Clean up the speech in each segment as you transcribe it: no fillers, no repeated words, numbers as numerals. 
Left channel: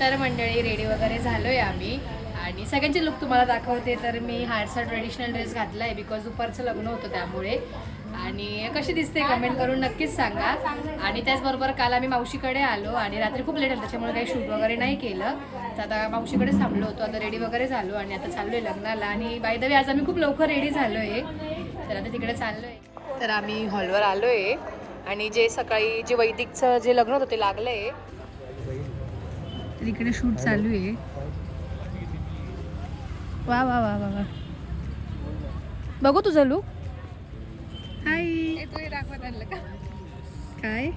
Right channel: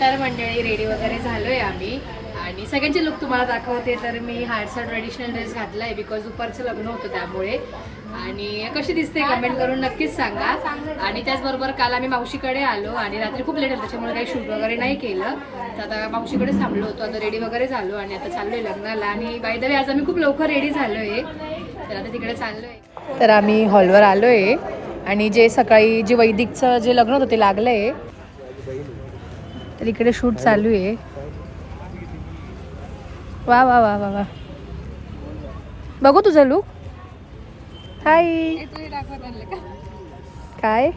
तर मंडळी रेडी वगैरे झालोय आम्ही आणि सगळ्यांचे लुक तुम्हाला दाखवते. तर मी हार्डचा ट्रेडिशनल ड्रेस घातलाय बिकॉज दुपारचं लग्न होतं त्यामुळे. आणि कशी दिसते कमेंट करून नक्कीच सांगा. आणि त्याचबरोबर काल आम्ही मावशीकडे आलो आणि रात्री खूप लेट झालं त्याच्यामुळे काही शूट वगैरे नाही केलं. तर आता मावशीकडे थांबलो होतो. आता रेडी वगैरे झालो आणि आता चाललोय लग्नाला. आणि बाय द वे आज आम्ही खूप लवकर रेडी झालोय. तर आता तिकडे चाललोय. तर आम्ही हॉलवर आलोय आणि जे सकाळी जे वैदिकचं जे लग्न होतं ते लागलंय. तर इकडे शूट चालू आहे. वा वा वा वा वा. बघू तुझं लुक. हाय. काय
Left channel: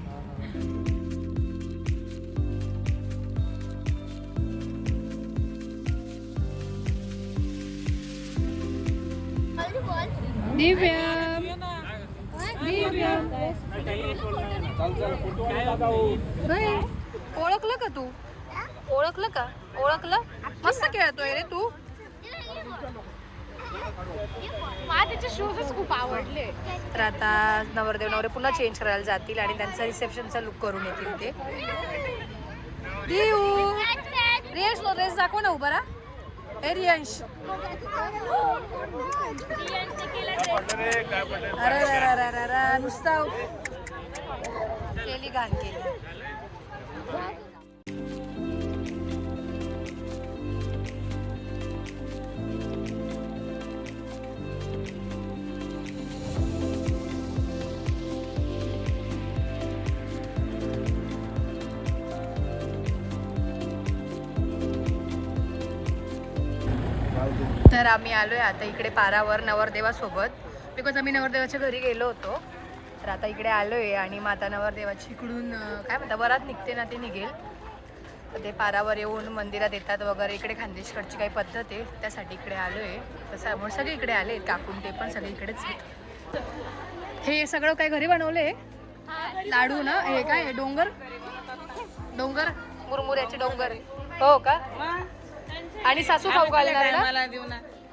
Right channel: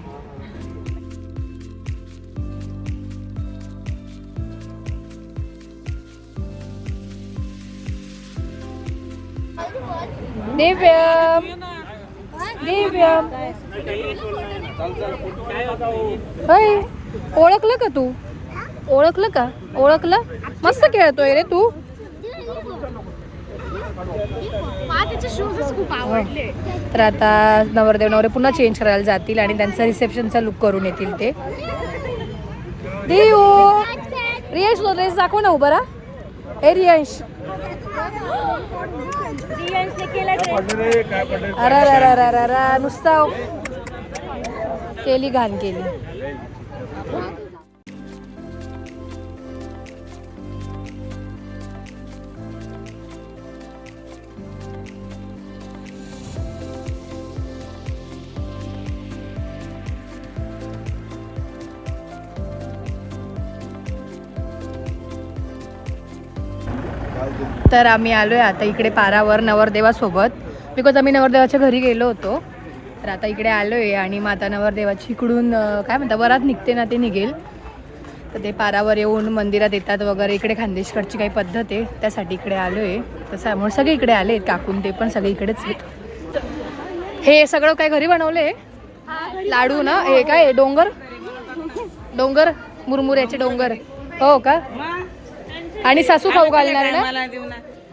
दिव्यम दिव्यम होय. ओळखलं का तू? ओळखलं का? ओळखलं. मस्त खेळतोय रे तू. तर आता नवरदेव नवरे पुन्हा चेंज करायला जातील आणि त्यांचा रिसेप्शनचा लुक करून येतील ते. देव रियांश ड्रेस दाखव ना उभा राहा. हे रियांश. अरे नुसता केली घाण केली. तर आम्ही आलोय आता इकडे पारावर नवरदेवासोबत बिकॉज आम्ही नवरदेवाच्या घरी गेलो होतो. तर आता इकडे आलोय आणि माता नवरदेवाची इकडून काय म्हणतात वरात निघते ना ते निघेल. तर ते पारावर येऊन मंदिरात येतात वगैरे. इकडे खानदेशकडची काही पद्धत आहे त्यासाठी इकडे आलोय. त्याच्यामुळे सगळे इकडे आले काकून ते पण सगळे इकडेच. हे सगळं काय घरी बनवले लाडू ना. हे काय डोंगर डोंगर मुरमुऱ्याचे डोंगर हो का. आणि सासू खाऊ घालणार ना.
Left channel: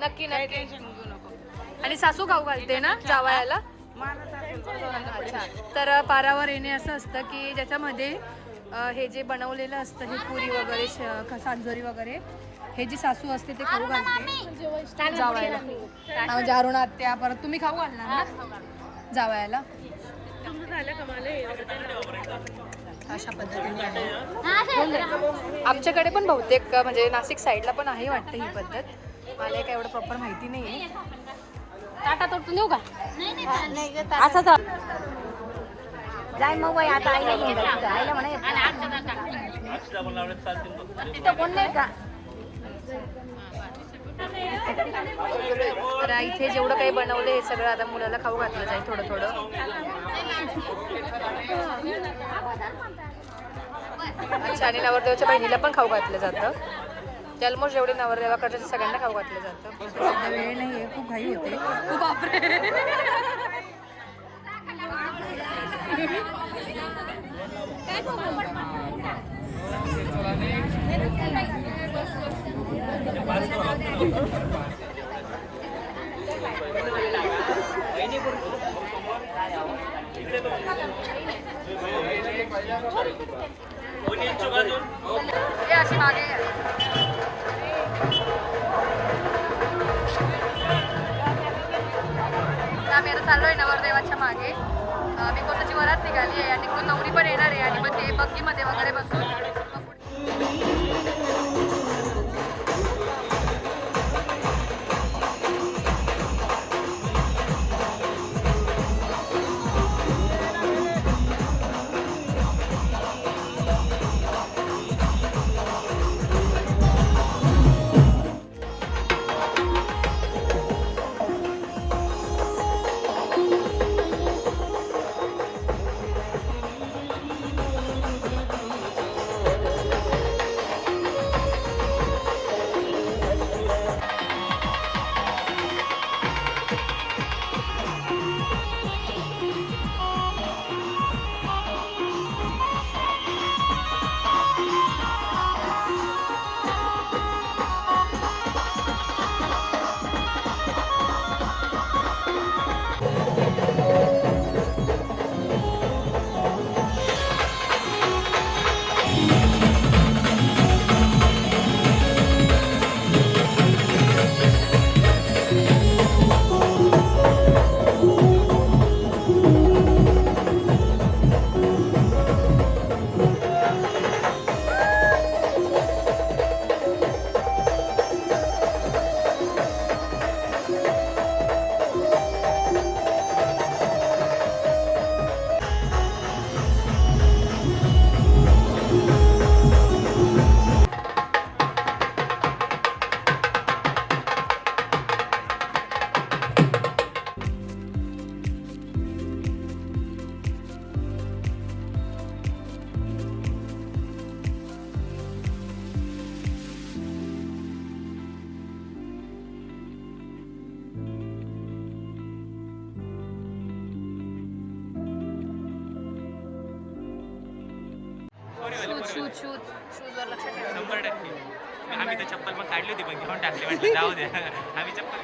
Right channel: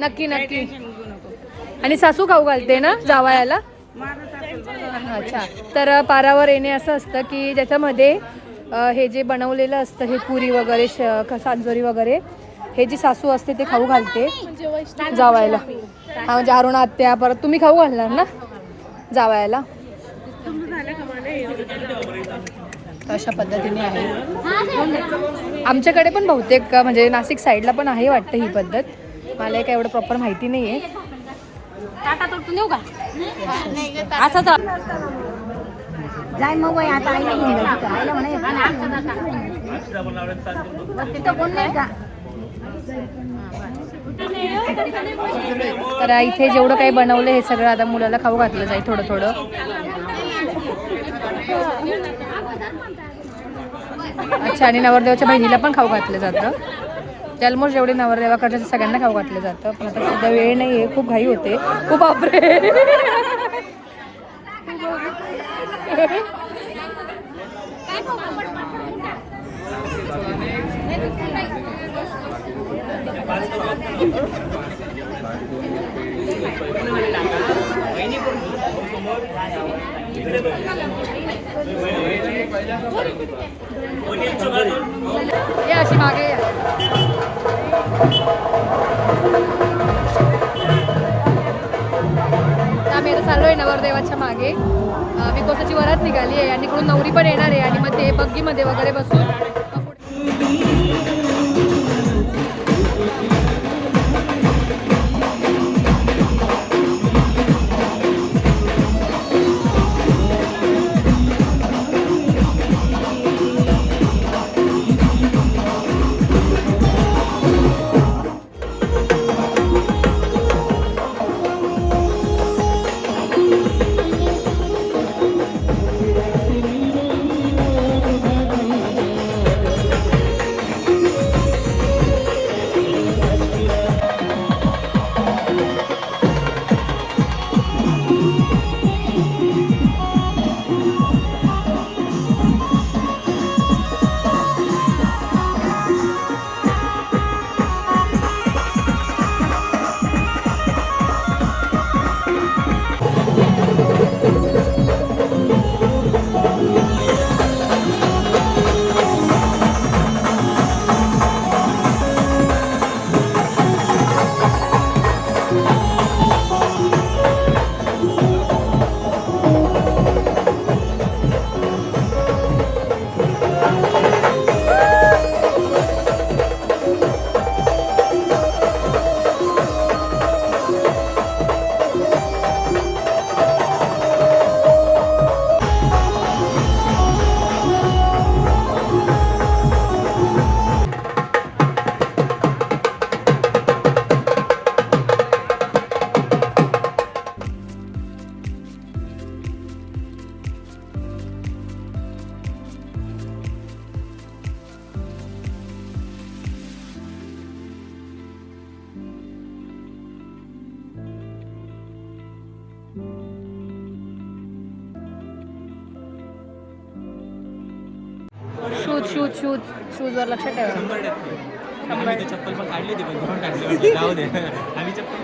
नक्की नक्की. आणि सासू खाऊ घालते ना जावयाला. अच्छा. तर पारावर येणे असं असतं की ज्याच्यामध्ये हे जे बनवलेलं असतं हे पुरी वगैरे सांजोरी वगैरे हे जी सासू असते ते खाऊ घालते जावयाला. हा म्हणजे अरुणा आत्या परत तुम्ही खाऊ घालणार ना जावयाला. अशा पद्धतीने आहे आमच्याकडे पण बहुतेक म्हणजे नाशिक साईडला पण आहे वाटतं ही पद्धत. मला काय एवढं प्रॉपर माहिती नाही आहे. तर इथे जेवढं काही बनवलं हे सगळं आता मुलाला खाऊ घातलं जाईल थोडं थोडं. अच्छा. आणि नवरदेवाच्या बहिणीला पण खाऊ घातलं जातं. ऑलमोस्ट जेवढे नवरदेवाकडच्या सगळ्यांना खाऊ घातलं जातं. पण आता सध्या वेळ नाही आहे. खूप घाई होते. खूप बापरे. ये अशी मागे आम्ही आता चाललोय नवरदेवाच्या मागे. बिकॉसाची वरात निघाली आहे आणि इकडून नवरी पण येणार आहे आणि मग ते बग्गीमध्ये वगैरे बसून शूजवर लक्ष ठेवा. 100%. आम्ही तर चप्पल पण काढली होती पण घेऊन टाकली म्हटलं जाऊ दे. आम्ही चप्पल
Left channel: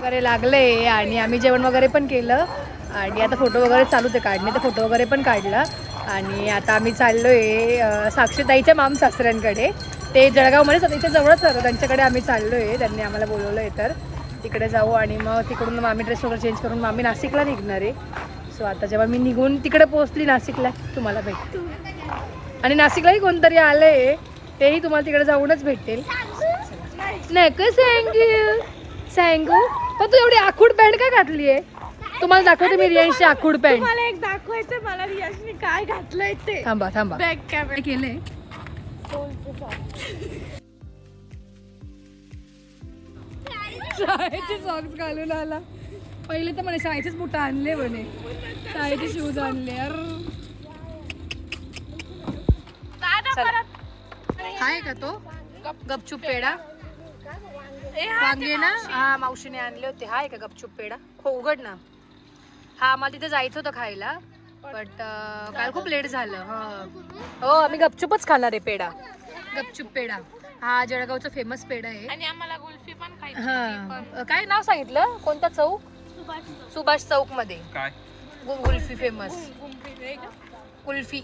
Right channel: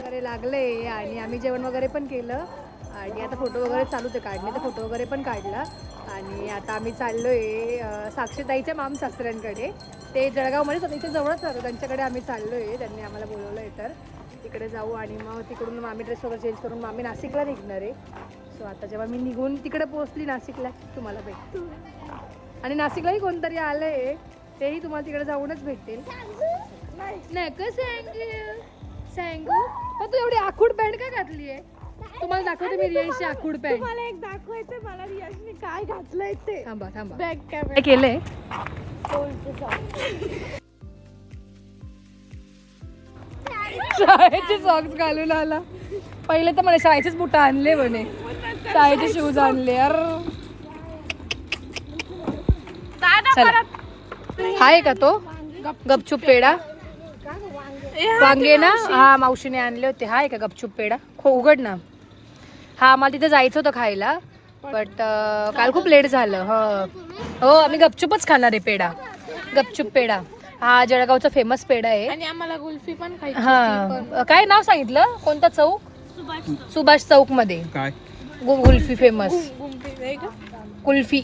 वगैरे लागले आणि आम्ही जेवण वगैरे पण केलं आणि आता फोटो वगैरे चालूच आहे काढणे, तर फोटो वगैरे पण काढला आणि आता आम्ही चाललोय साक्षीताईच्या माम सासऱ्यांकडे. ते जळगावमध्ये त्याच्या जवळच राहतं, त्यांच्याकडे आम्ही चाललोय. त्यांनी आम्हाला बोलवलं आहे तर तिकडे जाऊ आणि मग तिकडून मग आम्ही ड्रेस वगैरे चेंज करून मग आम्ही नाशिकला निघणार आहे. सो आता जेव्हा मी निघून तिकडे पोहोचली नाशिकला तुम्हाला भेटते. आणि नाशिकलाही कोणतरी आलंय तेही तुम्हाला तिकडे जाऊनच भेटेल. नाही का सांगू पण तू एवढी आखूड पॅन्ट काय घातली आहे? तुम्हाला दाखवते मी रियांशची आखूड पॅन्ट. मला एक दाखवायचं मला रियांशने काय घातलंय ते. थांबा काय केलंय? शाळेचे सॉक्स घालून आला. पहिले तर म्हणे शाळेचेच बुट आणले, म्हणे शाळेचे शूज आणले. यार चला. आहे का तो गपचूप पेढा? वांगे ना, हा मावशीने आणले होते. हाय का गपचूप पेढा? उघड ना. हा मला तिथे जायचं होतं खायला बट काल खूप लेट झालं. हो आम्ही गपचूपच खाणार आहे पेढा. गपचूप पेढा हा जळगावचा फेमस पेढा आहे. आणि आम्हाला कुल्फी पण खायची. हा काय नाव सांगितलं? कोणता चौक? सुभाष चौक मध्ये काय कुल्फी फेमस. कुल्फी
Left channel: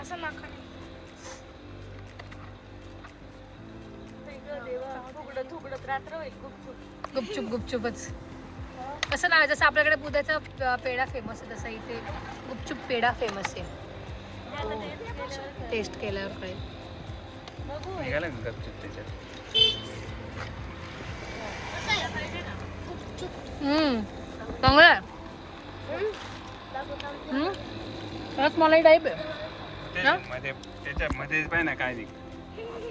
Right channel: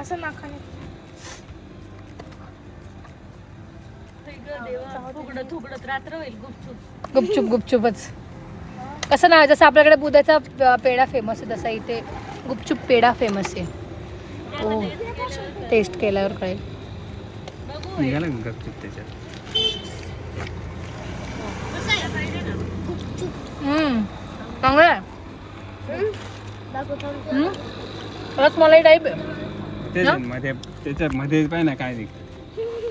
असं नाकाने गुपचूपच. कसं ना, जसं आपल्याकडे बुधाचा पेढा फेमस आहे तसा इथे गुपचूप पेढा फेमस आहे. हो टेस्ट केल्यावर कळेल. चांगलं आहे. रसमलाई टाईप त्याच्यामध्ये पाहिजे ना काय नाही.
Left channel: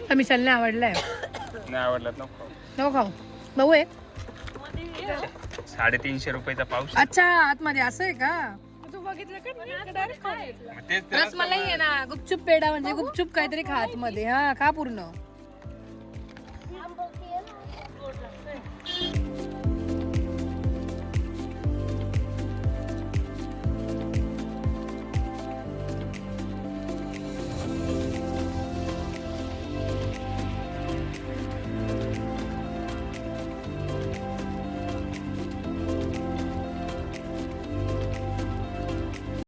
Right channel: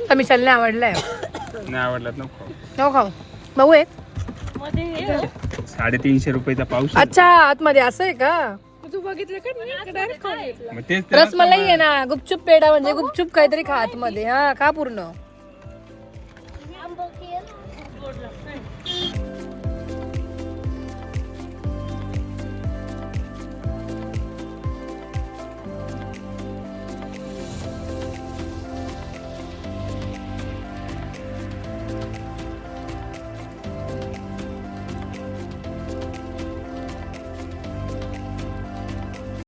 तर मिशालने आवडलाय. नाही आवडलं नको खाऊ बघू एक. 350 रुपयाचा पाऊस. अच्छा आतमध्ये असं आहे का? तू बघितलं का? मग तेच रसमलाई आहे ना. गुपचूप पेढा म्हणजे गुपचूप काहीतरी खा आतमध्ये. हा खा पूर्ण.